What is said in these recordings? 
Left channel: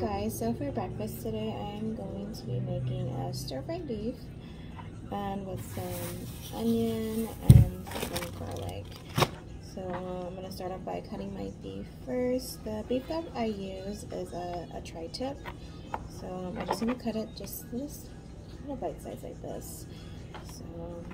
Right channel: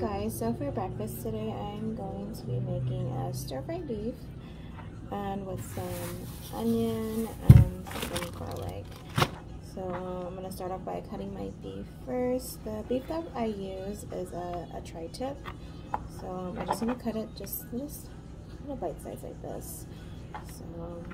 guys, so for breakfast today I'm going to be making a stir-fried beef and with some onion and some garlic. So I'm going to start off by cutting my beef first. The beef that I use is a tri-tip, so I'm just going to cut it just little bite size like this. So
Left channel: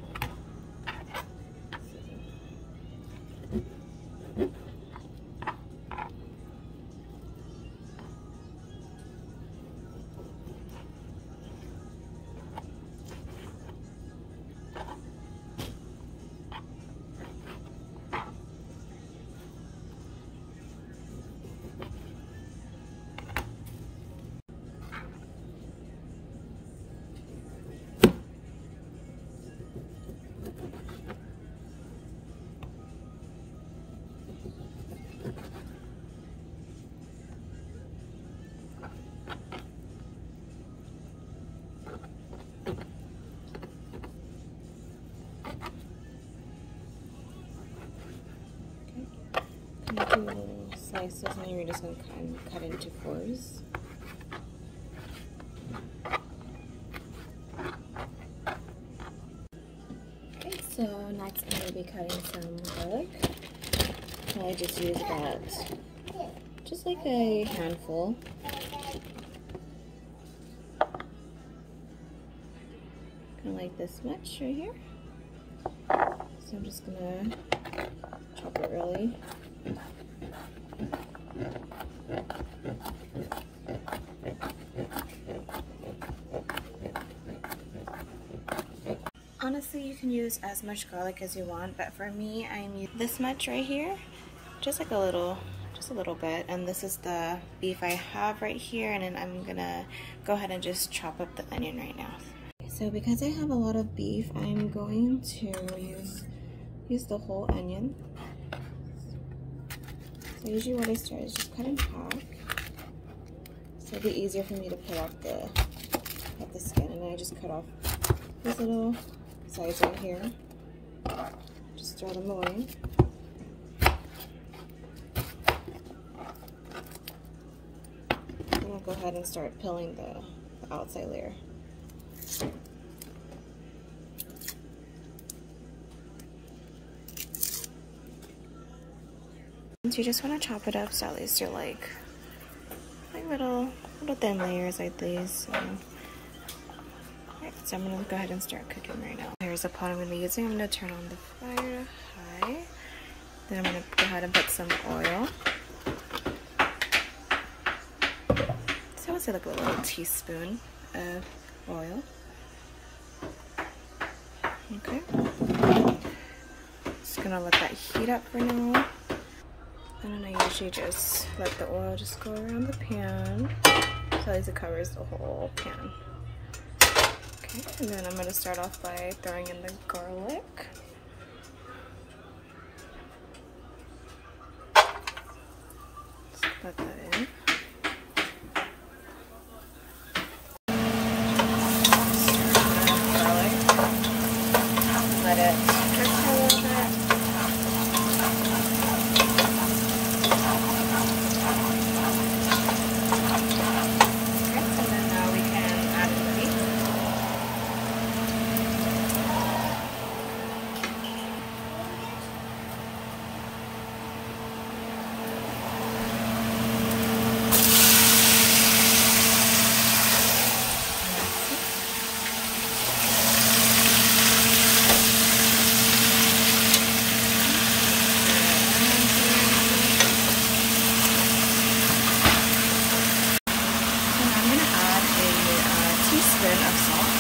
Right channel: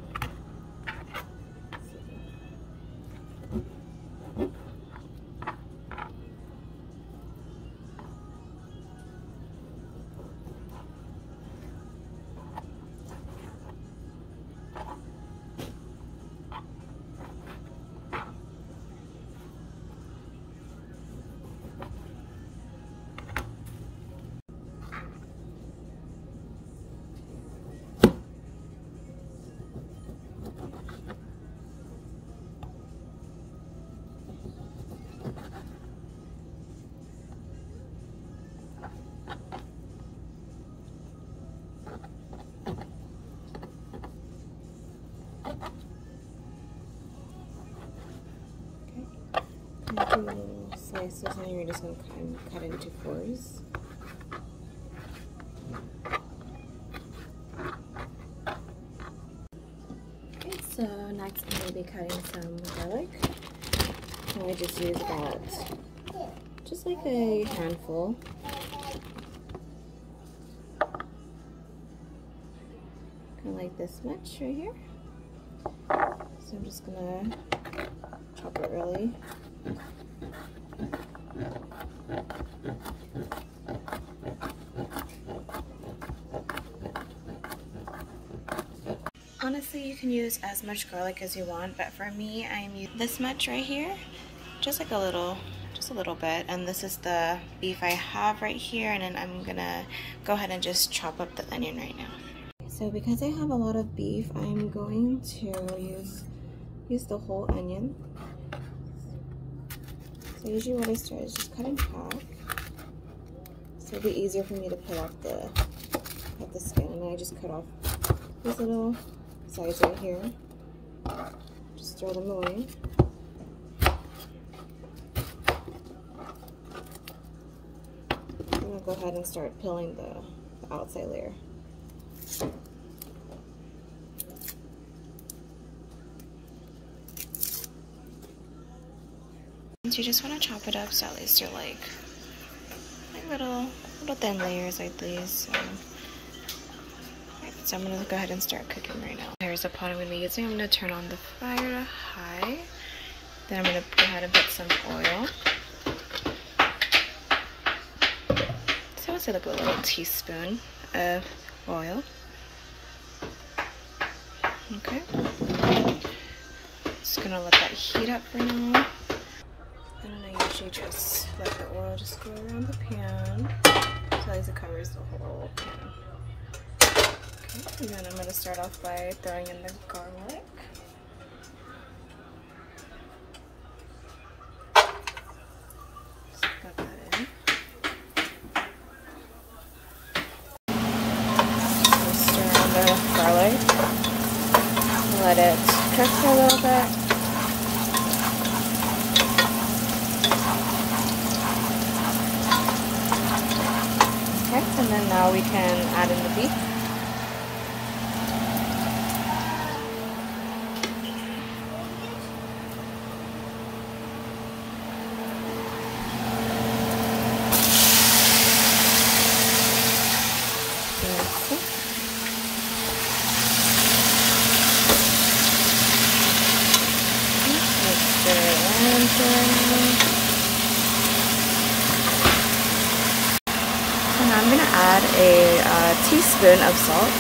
do little slices, and you're just going to cut into fours. Okay, so next I'm going to be cutting some garlic. I just use about just like a handful. Kind of like this much right here. So I'm just going to chop it really. Honestly, you can use as much garlic as you want, but for me, I'm using this much right here, just like a little bit. And this is the beef I have right here, and then I'm gonna go ahead and just chop up the onion right now. So because I have a lot of beef, I'm going to use the whole onion. So usually what I start is just cut in half, so it'll be easier for me to pull out the skin, and then I just cut off these little sides right here. Just throw them away. And I'll go ahead and start peeling the outside layer. You just want to chop it up so at least you're like little thin layers like these. So I'm going to go ahead and start cooking right now. Here's the pot I'm going to be using. I'm going to turn on the fire to high. Then I'm going to go ahead and put some oil. So I would say like a little teaspoon of oil. Okay. Just going to let that heat up for now. And then I usually just let the oil just go around the pan, so at least it covers the whole pan. Okay, and then I'm going to start off by throwing in the garlic. Just put that in. Stir in the garlic. Let it cook for a little bit. And I'm going to add a teaspoon of salt.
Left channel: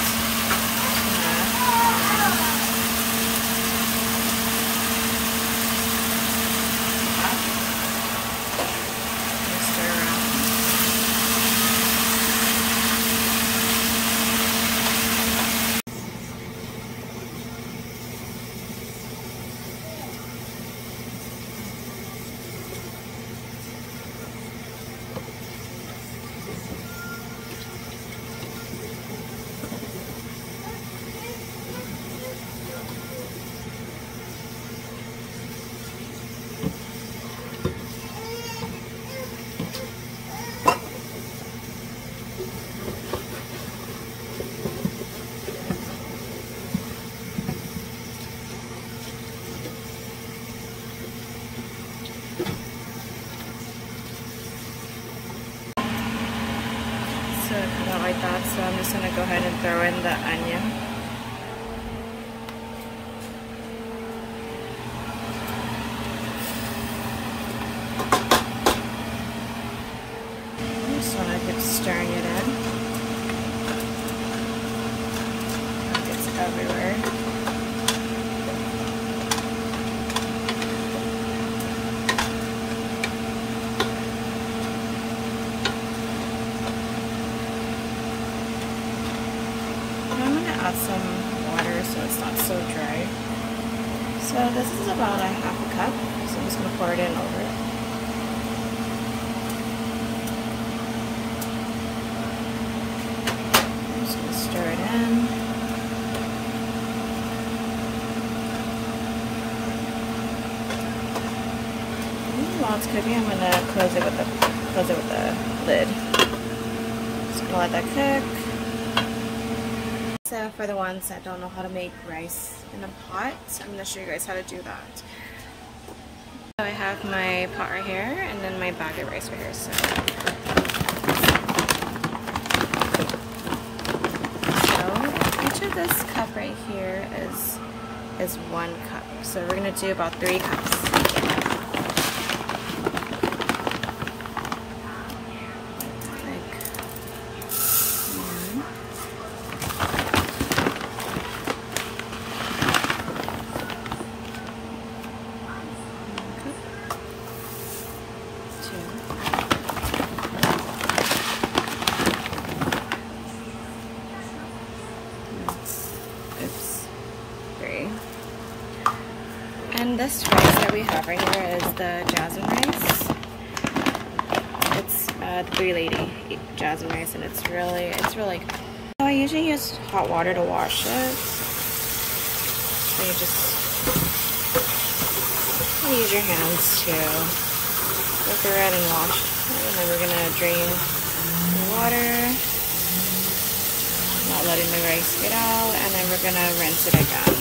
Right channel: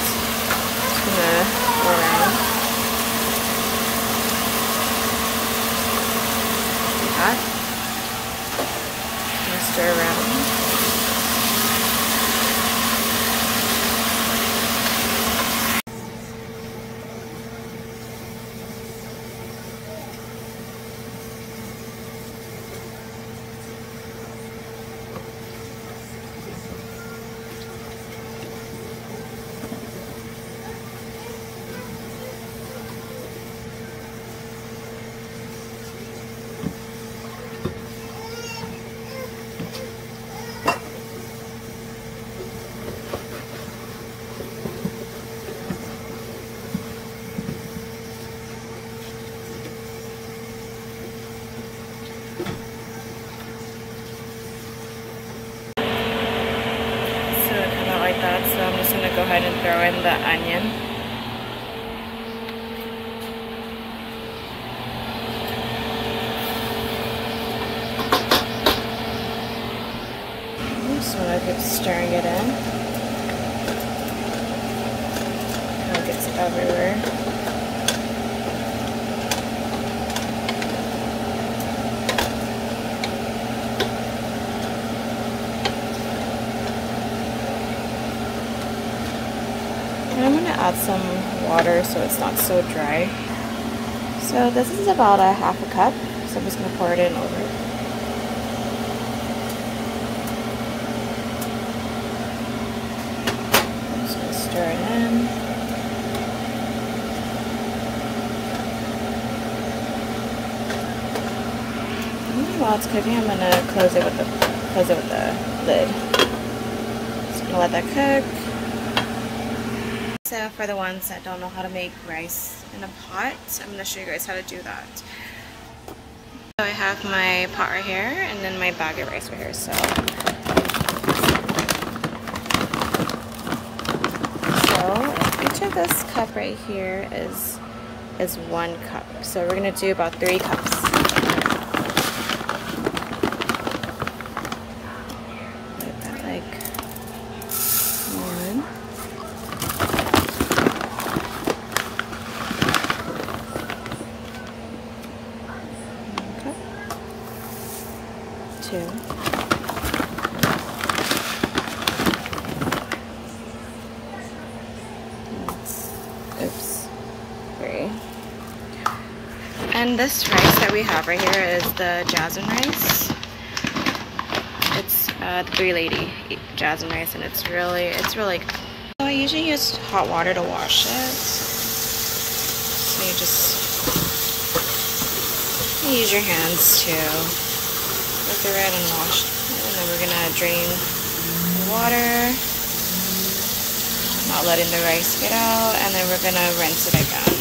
Just going to go around. Like that. And stir around. like that, so I'm just gonna go ahead and throw in the onion. I just wanna keep stirring it in. It gets everywhere. I'm going to add some water so it's not so dry. So this is about a half a cup, so I'm just going to pour it in over it. I'm just going to stir it in. While it's cooking, I'm going to close it with the lid. Just going to let that cook. So for the ones that don't know how to make rice in a pot, I'm going to show you guys how to do that. So I have my pot right here and then my bag of rice right here. So each of this cup right here is 1 cup. So we're going to do about 3 cups. Oops, 3. And this rice that we have right here is the jasmine rice. It's the 3 Lady jasmine rice, and it's really good. So I usually use hot water to wash it. So you just use your hands to go through it and wash it. And then we're gonna drain the water, not letting the rice get out, and then we're gonna rinse it again.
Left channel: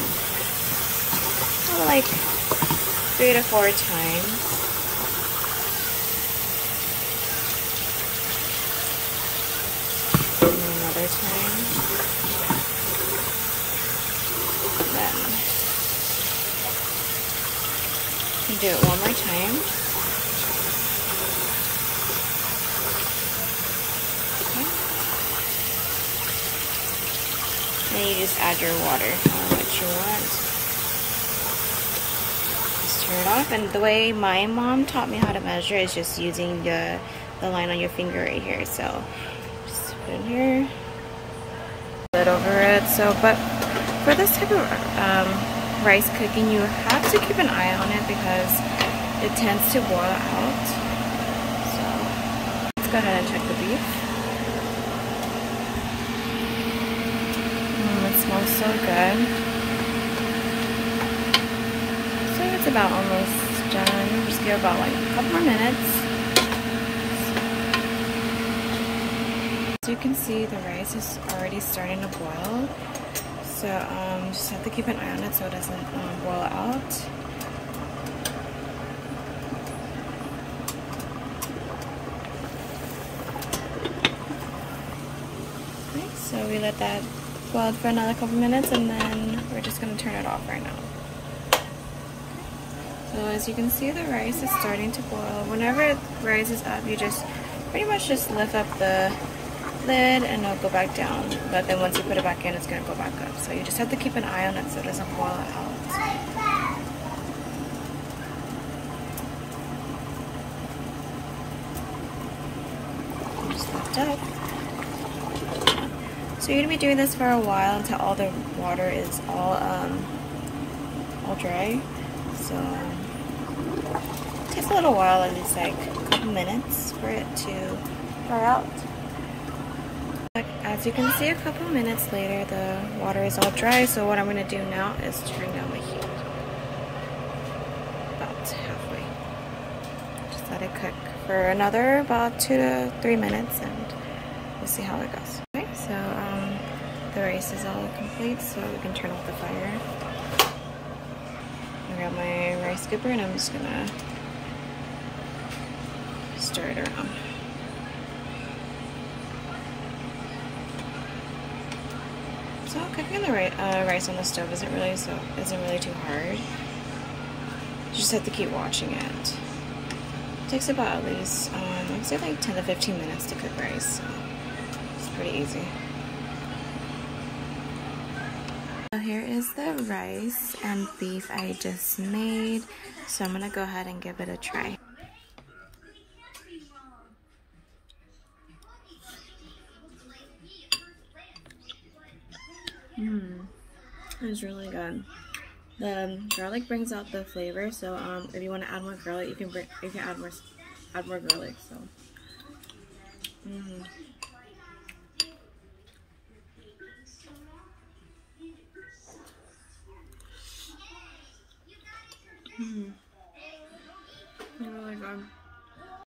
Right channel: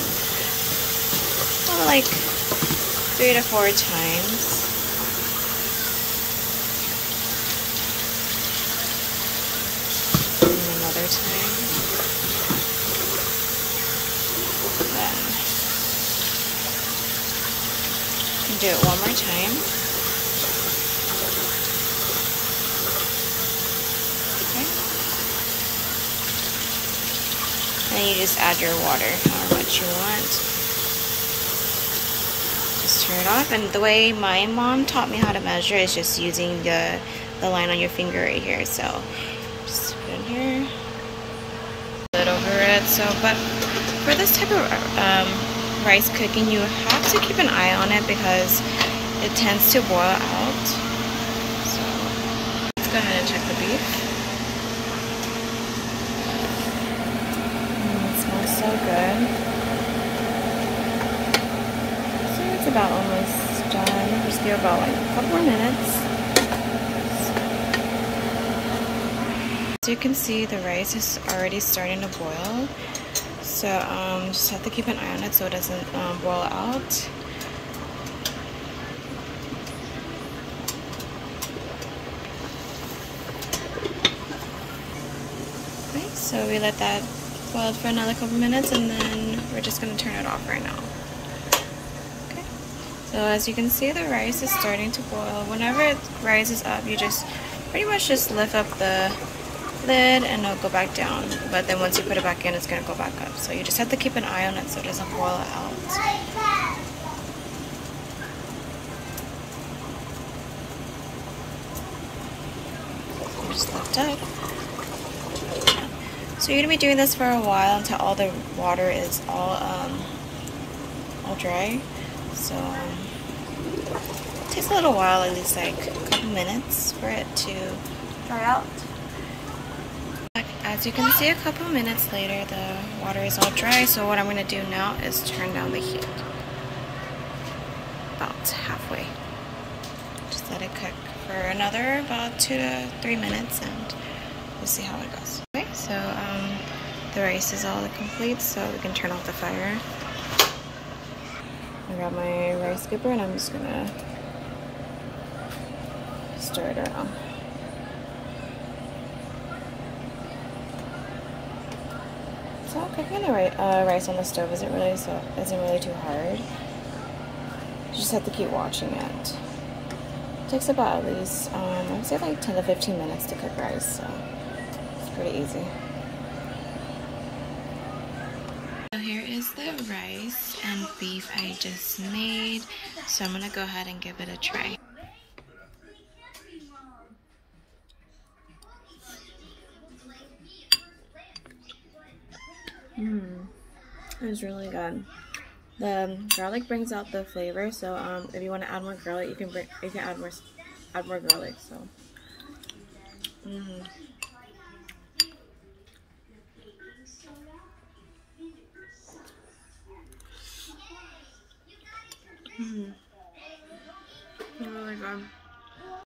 Like 3 to 4 times. And then another time. Then you do it one more time. Okay. And you just add your water, however much you want. Just turn it off. And the way my mom taught me how to measure is just using the line on your finger right here. So just put it in here, lid over it. So, but for this type of rice cooking, you have to keep an eye on it because it tends to boil out. So let's go ahead and check the beef. It smells so good. So it's about almost done. Just give it about like a couple more minutes. As you can see, the rice is already starting to boil. So just have to keep an eye on it so it doesn't boil out. Okay, so we let that boil for another couple minutes, and then we're just going to turn it off right now. Okay, so as you can see, the rice is starting to boil. Whenever it rises up, you just pretty much just lift up the lid and it'll go back down. But then once you put it back in, it's going to go back up. So you just have to keep an eye on it so it doesn't boil out. Just lift up. So you're going to be doing this for a while until all the water is all dry. So it takes a little while, at least like a couple minutes for it to dry out. As you can see, a couple minutes later, the water is all dry. So what I'm going to do now is turn down the heat about halfway. Just let it cook for another about 2 to 3 minutes, and we'll see how it goes. Okay, so the rice is all complete, so we can turn off the fire. I got my rice scooper, and I'm just gonna stir it around. So cooking the rice on the stove isn't really too hard. You just have to keep watching it. It takes about at least I would say like 10 to 15 minutes to cook rice, so it's pretty easy. So here is the rice and beef I just made. So I'm gonna go ahead and give it a try. It's really good. The garlic brings out the flavor, so if you want to add more garlic, you can add more garlic. So, really good.